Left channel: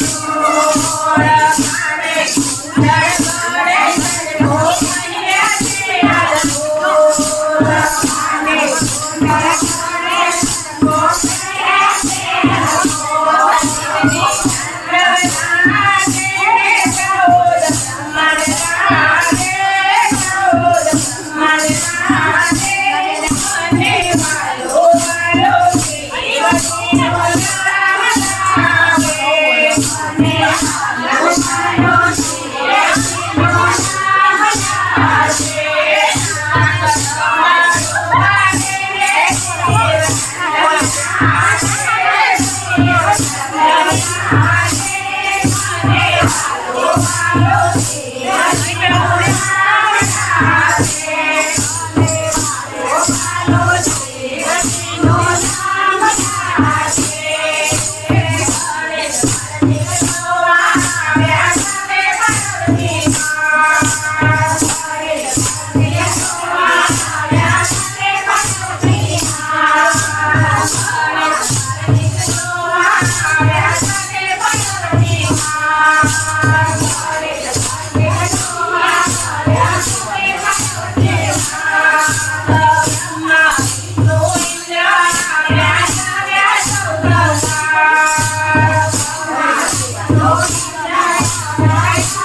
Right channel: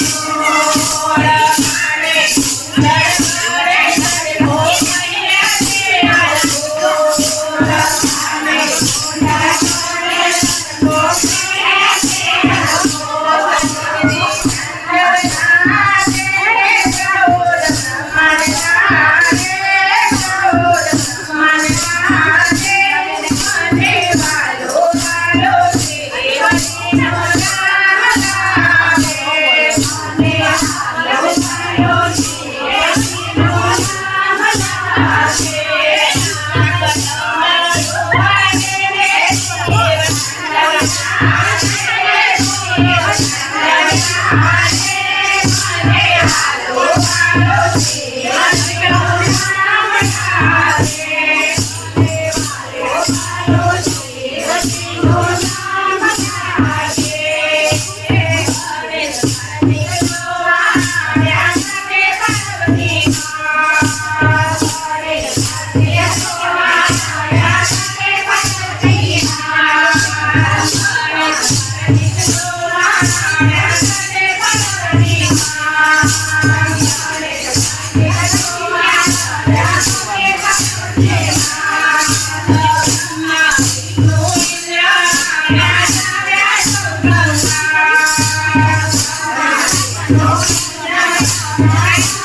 Thank you. no, Gracias.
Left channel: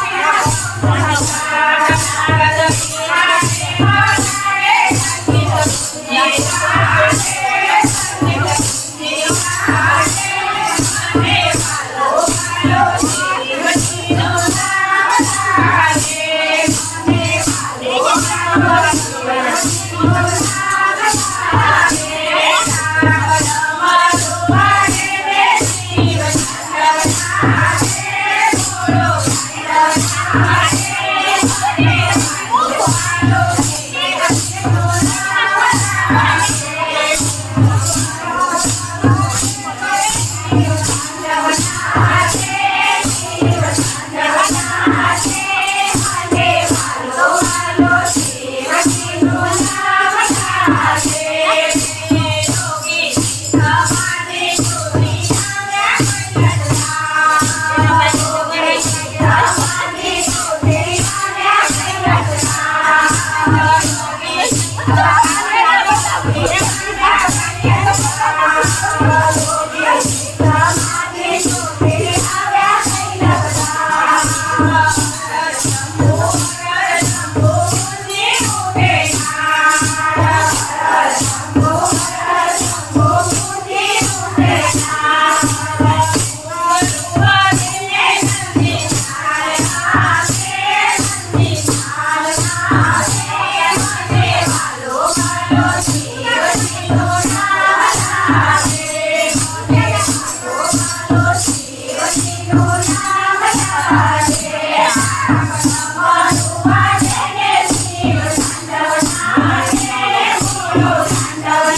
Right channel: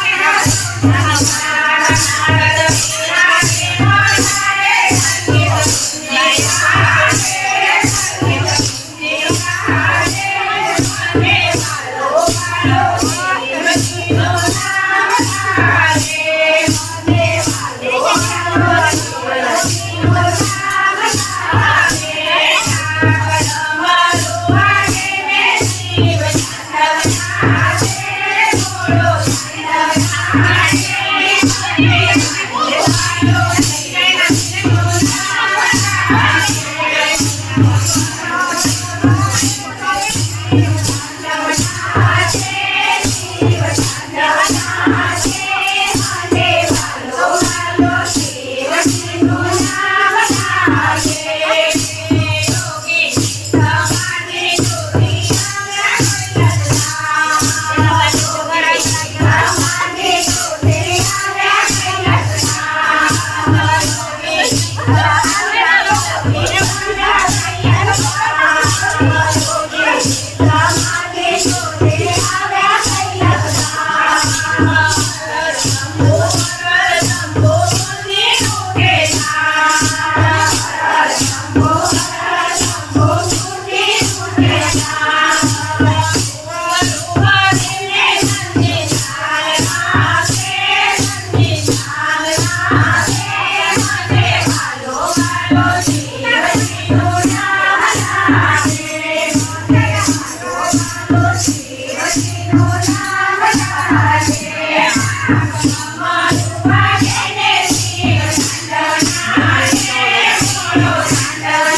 我看到的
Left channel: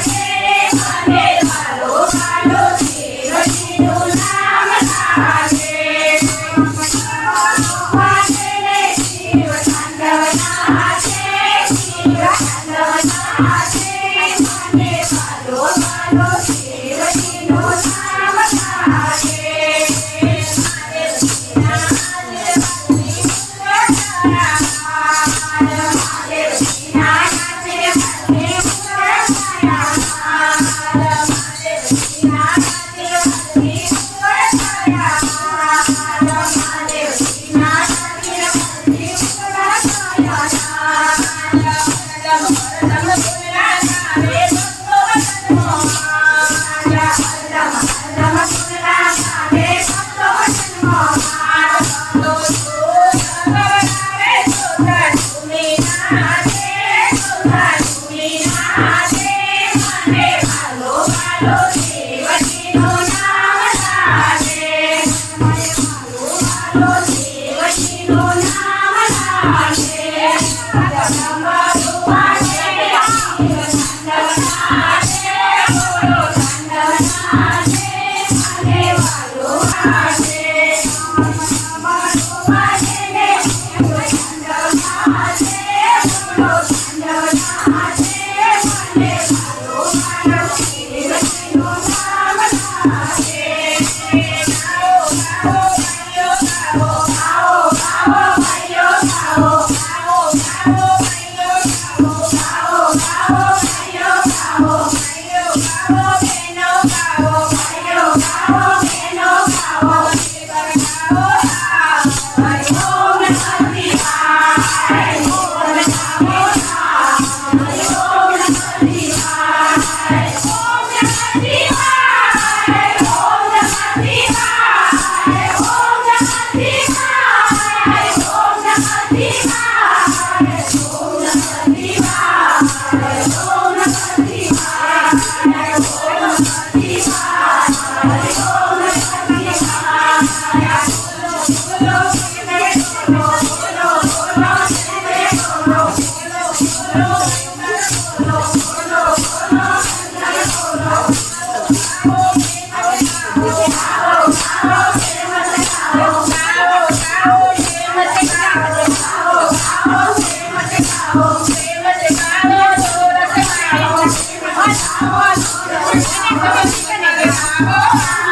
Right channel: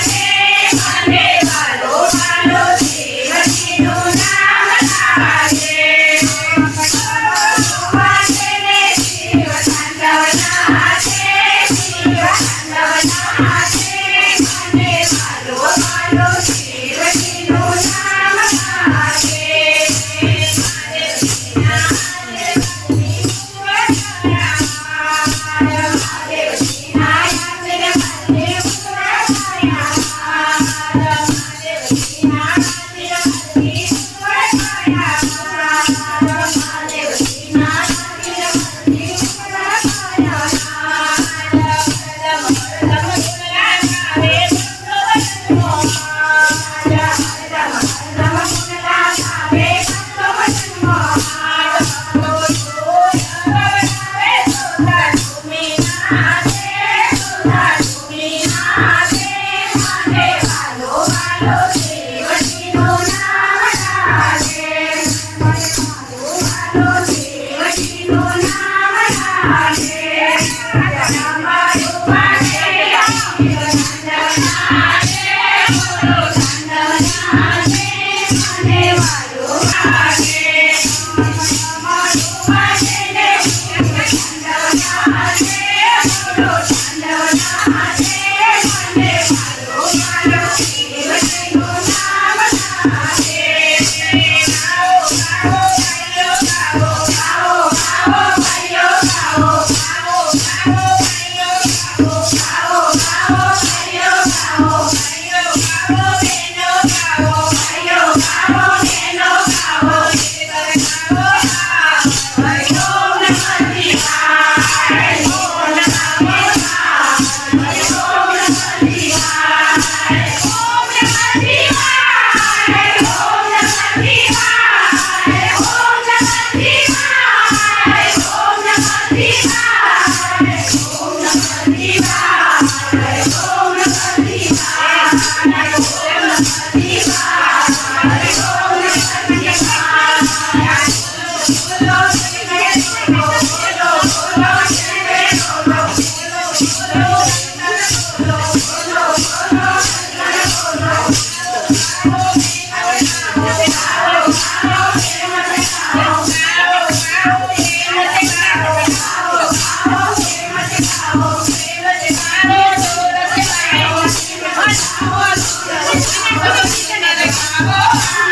下。都是今年的。